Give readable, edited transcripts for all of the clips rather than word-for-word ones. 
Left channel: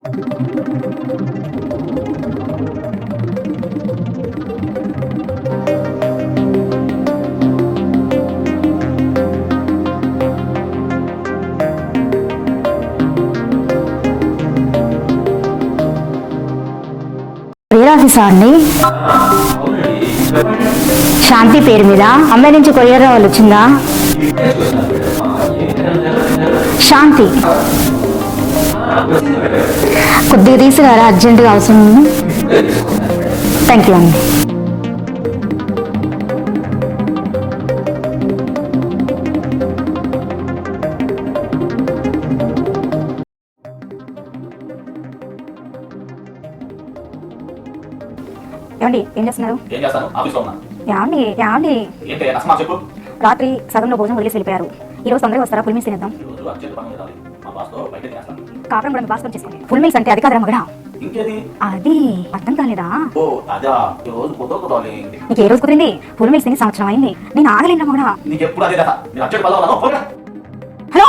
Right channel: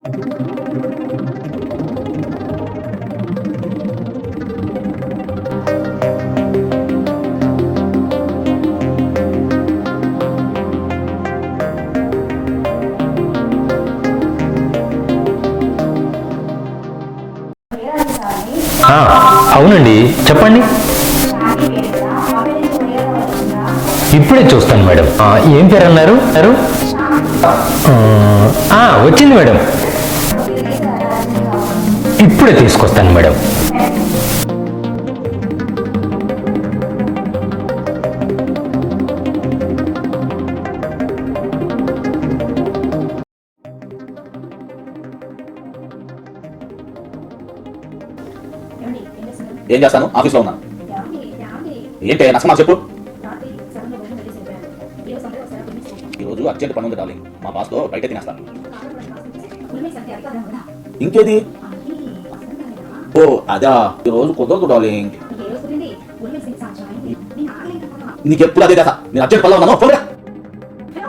ఆఫీసా అండి? అవునండి, చెప్పండి. శాంతి పేరు మీద అమ్మాయి నుంచి కొరియర్ వాళ్ళు వచ్చిందా? ఇప్పుడే చూస్తాను మేడం. ఏం పేరు అన్నారు? శాంతి. వచ్చింది మేడం. కొద్దిగా తీసుకురా, అర్జెంటుగా అవసరం ఉంది. ఇప్పుడే తీసుకొస్తాను మేడం. థ్యాంక్ యూ అండి. ఏమండి, ఏం చేస్తున్నారు? ఏం చేస్తాను, ఆఫీస్లో ఉన్నా. ఏమండి ఏంటి నష్టమా చెప్పు. రాత్రి సగంలో భోజనం వదిలేసి వెళ్ళిపోయారు. ఈ రోజు తొందరగా వస్తారా? ఫుల్ మీల్స్ తినేద్దాం. ఈ రోజు అర్జెంట్ పని ఉంది డార్లింగ్. మా బాస్ తో బయట తినేస్తాను. కాపురం కూడా బాస్తం చేసుకోండి. ఫుల్ మీల్స్ అంటే అది కాదురా మగడా. ఇంకేది? అది అర్థం కాలేదా? ఓ అదా, ఈ రోజు కుదరదు డార్లింగ్. నీకు ఏ రోజు కుదిరింది? ఫుల్ మీల్స్ తిని సంవత్సరం అయింది. నేను ఆగలేను మగడా. నీకు ఎప్పుడు అదే కదా. నేను అర్జెంట్ పనిలో ఉన్నాను. పోరా. హలో,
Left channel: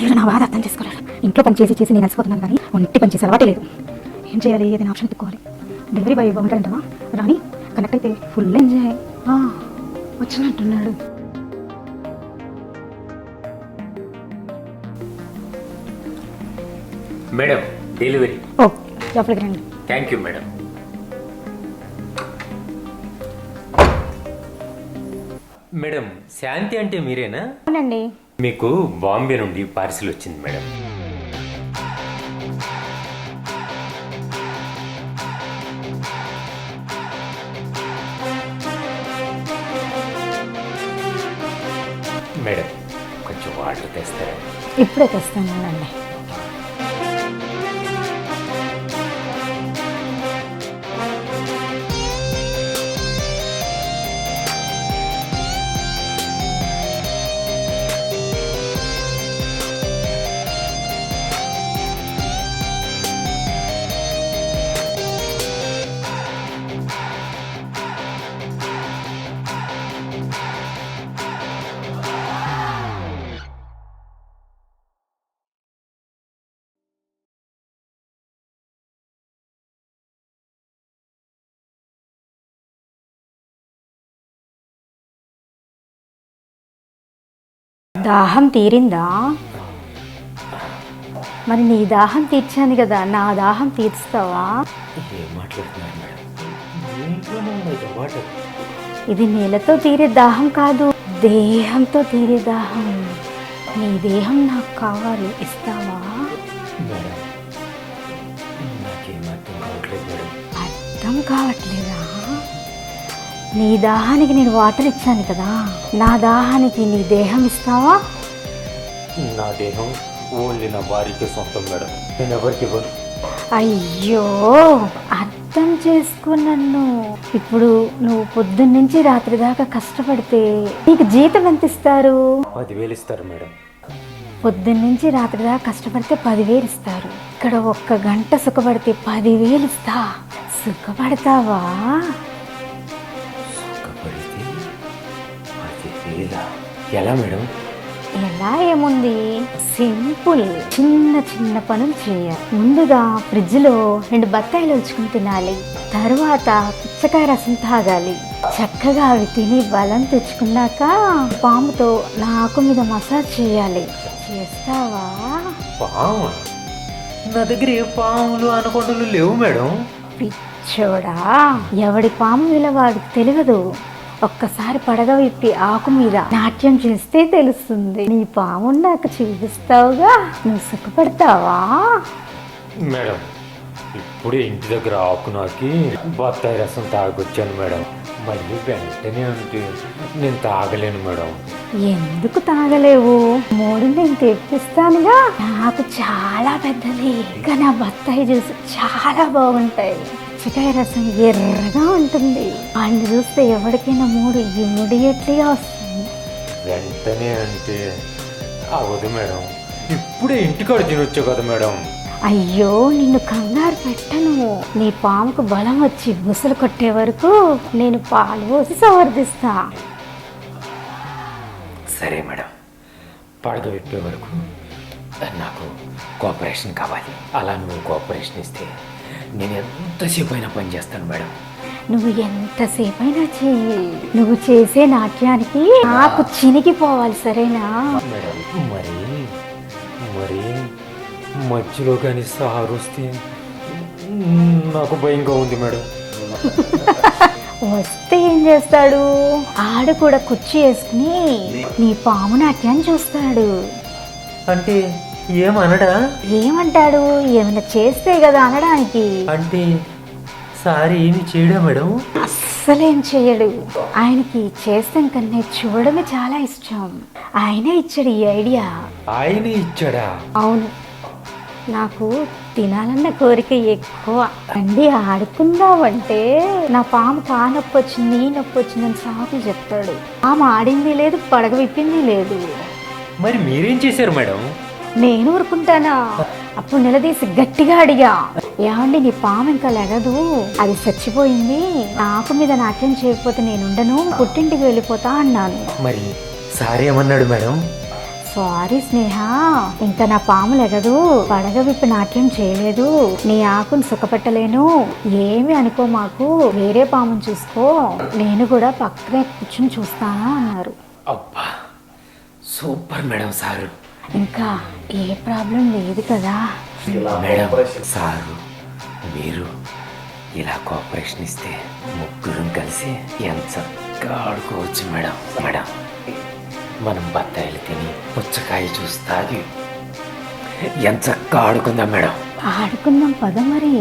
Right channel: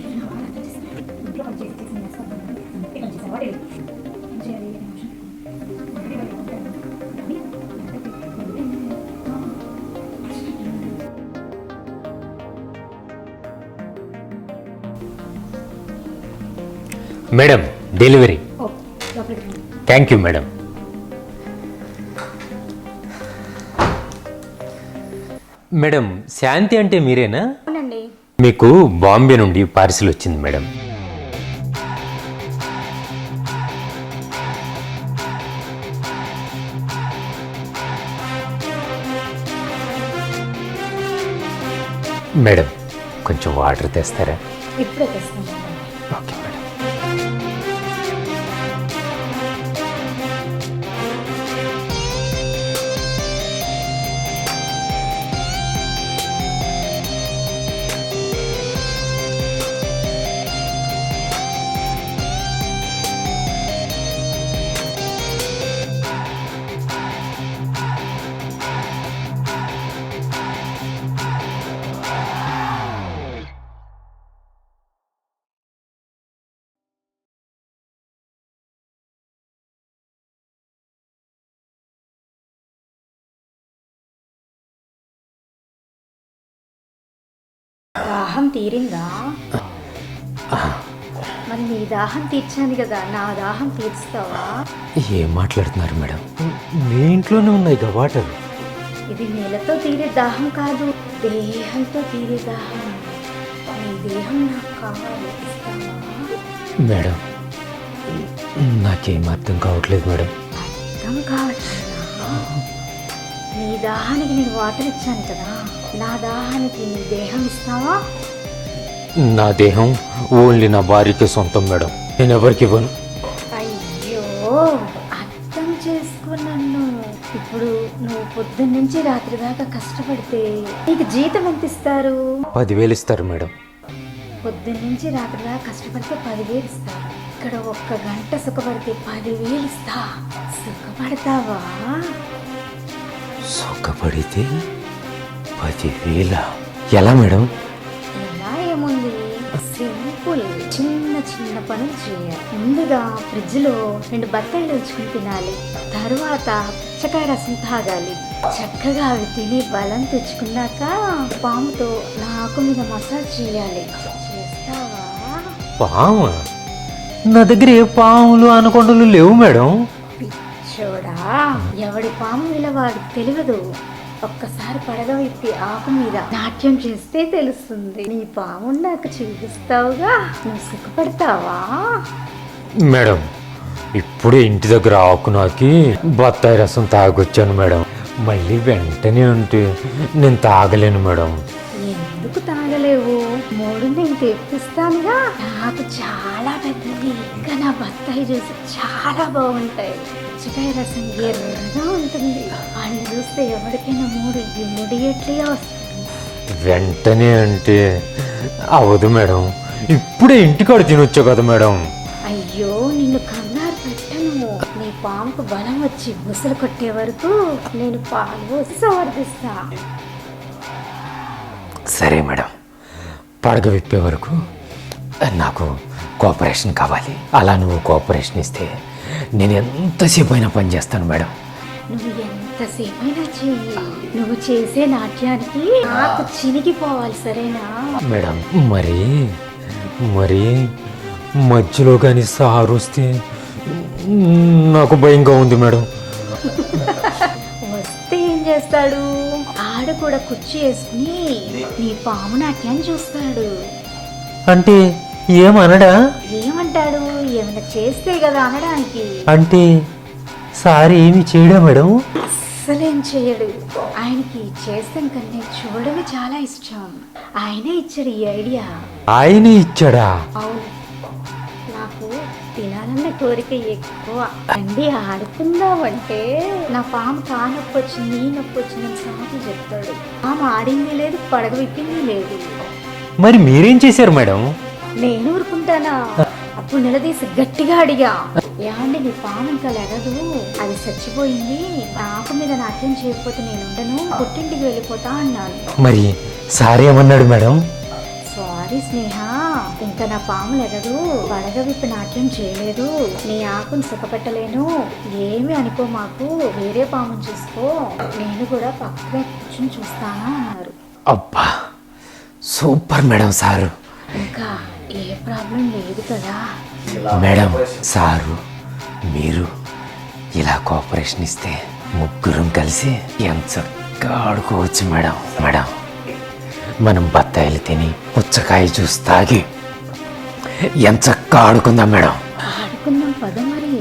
మీరు నా బాధ అర్థం చేసుకోలేరు. ఇంట్లో పని చేసి చేసి నేను అలసిపోతున్నాను, కానీ ఒంటి పని చేసి అలవాటే లేదు. ఏం చేయాలి? ఏదైనా ఆప్షన్ ఎత్తుకోవాలి. డెలివరీ బాయ్ బాగుంటాయంటావా? రాని కనెక్ట్ అయితే ఫుల్ ఎంజాయ్. వచ్చినట్టున్నాడు. Madam, delivery. ఓ, లోపలికి రండి. Thank you madam. Madam, Shanti అంటే మీరేనా? అవునండి. మీకు బాంబే నుండి పార్సిల్ వచ్చింది మేడం. మేడం, కొంచెం వాటర్ తెస్తారా? ఇప్పుడే తెస్తాను అండి. Okay madam. దాహం తీరిందా? మరి నీ దాహం తీర్చాను కదా, నా దాహం తీర్చుతావా? ఏం మాట్లాడుతున్నారు మేడం? మీ ఇంట్లోనే ఉన్నాయి కదా వాటర్. ఇది నీళ్ళతో తీరే దాహం కాదు, దేహంతో తీరే దాహం. నీ దేహం నాకు కావాలి, ఇస్తావా? మేడం, నాకేం అర్థం కావట్లేదు మేడం. అర్థం కావట్లేదా? నీ దాహానికి నేను వాటర్ ఇచ్చాను కదా, నా దాహానికి నీ దేహం ఇస్తావా? నా దేహం ఓన్లీ నా భార్యకి సొంతం మేడం. నేను ఎవరికి ఇవ్వను. అయ్యో, అర్థం చేసుకో నన్ను. ఇప్పుడు నువ్వు పొద్దున్న నుంచి రాత్రి దాకా కష్టపడితే నీకు జీతం ఎంత ఇస్తారు? 10,000 ఇస్తారు మేడం. పొద్దున్న నుంచి రాత్రి దాకా కష్టపడితే 10,000 ఇస్తారు. ఇక్కడ 1 గంట సుఖపడితే 10,000 ఇస్తా. సుఖపడతావా? సుఖపడితే 10,000 ఎలా మేడం? ఎలా ఏముంది, సింపుల్. చిన్న చిన్న పనులు చేయాలి. ముందుగా ఫ్రిడ్జ్లో 2 బత్తాయిలు ఉంచుకుని తినాలి. తరువాత పుచ్చకాయ రసం తాగాలి. చక్కగా అవి తిని బలం తెచ్చుకున్నాక పాముతో నాకు మీద మసాజ్ చేయాలి. చేస్తావా? పాము? నా దగ్గర ఏ పాములు అనకొండలు లేవు మేడం. పిచ్చోడా, ఎవడి పాము మీద వాడికి తెలియదు. ఒక్కసారి పడగ విప్పి ఆకు మీద నాట్యం చేస్తే తెలుస్తుంది. నీ పాము నాకు చూపిస్తావుగా, నువ్వు సుఖపడతావా? మేడం, ఇప్పుడే ఇంటి దగ్గర ఆకు నాకి బత్తాయి రసం తాగొచ్చాను మేడం. మళ్ళీ వెంటనే అంటే నేను తాగలేను మేడం. ఎందుకు తాగలేవు? 3 నేను తెప్పిస్తానుగా. నాకు చాలా పెద్దది, కానీ ఆ బత్తాయి జ్యూస్ చాలా బాగుంటాయి. పుచ్చకాయ రసం ఎర్రగా ఉంటుంది. వాళ్ళు చూస్తే ఎవరికైనా 3 ఇమ్మీడియట్లీగా వస్తుంది. వెంటనే అంటే అవదు మేడం. ఇప్పుడే ఇంటికాడ తినొచ్చా కదా మేడం. అయ్యో, నిన్ను కంగారు పెట్టను. నీ పాముకు బలం వచ్చి బుసలు కొట్టే వరకు నేను పాలు పోసి సమర్థిస్తా. సరే మేడం, పడగ విప్పే వరకు నాకు కోఆపరేషన్ కావాలి. అలా నువ్వు కోఆపరేషన్ ఇస్తే నేను ఎంతసేపు అయినా పని చేస్తాను మేడం. నువ్వు ఎంతసేపైనా చెయ్యి. నువ్వు చేసే నాట్యానికి నాకు చినిగిపోవాలి, సరేనా? మేడం మరి మరి మధ్యలో కానీ సారు వస్తే నాకు భయంగా ఉంది మేడం. వస్తే ఏం చేస్తాడు? ఆడు కూడా కుర్చీ వేసుకుని నీ పాము నాట్యాన్ని చూస్తాడు. అంటే ఏమనడా? ఏమంటాడు? ఏమైనా చేస్తే కదా అనడానికి. అంటే సార్ ఏమి చేయడా మేడం? అస్సలేం చేయడు. ఆయనకి చేస్తాను కన్నా చూడమే చాలా ఇష్టం. ఆయనే ఇచ్చాడు ఈ ఐడియా. ఆయనే ఇచ్చాడా? అవును, నాకు తినాలన్న కోరిక ఎక్కువ. అండి ఆడుకుందామంటే నా పాము కా నొప్పి వచ్చింది, ఈ నొప్పి వచ్చిందని సాకులు చెప్తాడు. పాము ఆడింది లేదు, పడగ విప్పింది లేదు. మరి మీరేం చేశారు మేడం? నేను ఊరుకుంటానా? అప్పుడు నిలదీసి గట్టిగా అడిగా, ఏమండి నీ పాము ఇంకా లెగదు, అది చచ్చిపోయింది, ఆకు మీద నాట్యం చేయకపోతే నేను ఉండను, పుట్టింటికి వెళ్ళిపోతా అన్నాను. మరి సార్ ఏమన్నాడు మేడం? సారీ స్నేహ, ఇంకా నా పాము లెగదు, పడగ విప్పి నాట్యం చేయలేదు, నీ ఆకును సుఖపట్టలేను, ఏమి అనుకో, మాకు వేరే పాముని చూసుకో, నేను కూడా పక్కనే కూర్చుని చూస్తాను అన్నారు. అబ్బా సూపర్ మేడం సారు. ఇంకా ఏ ప్రాబ్లం లేదు కదా? మేడం సారు మీరు ఇలా కోఆపరేషన్ ఇస్తే ముగ్గురం కలిసి ఎంచక్కా ఆడుకోవచ్చు మేడం. మేడం మనం బత్తాయిలు తిని పుచ్చకాయ జ్యూస్ తాగి ఎంచక్కా ఆడుకుందాం మేడం. ఆడుకుందాం పద మరి.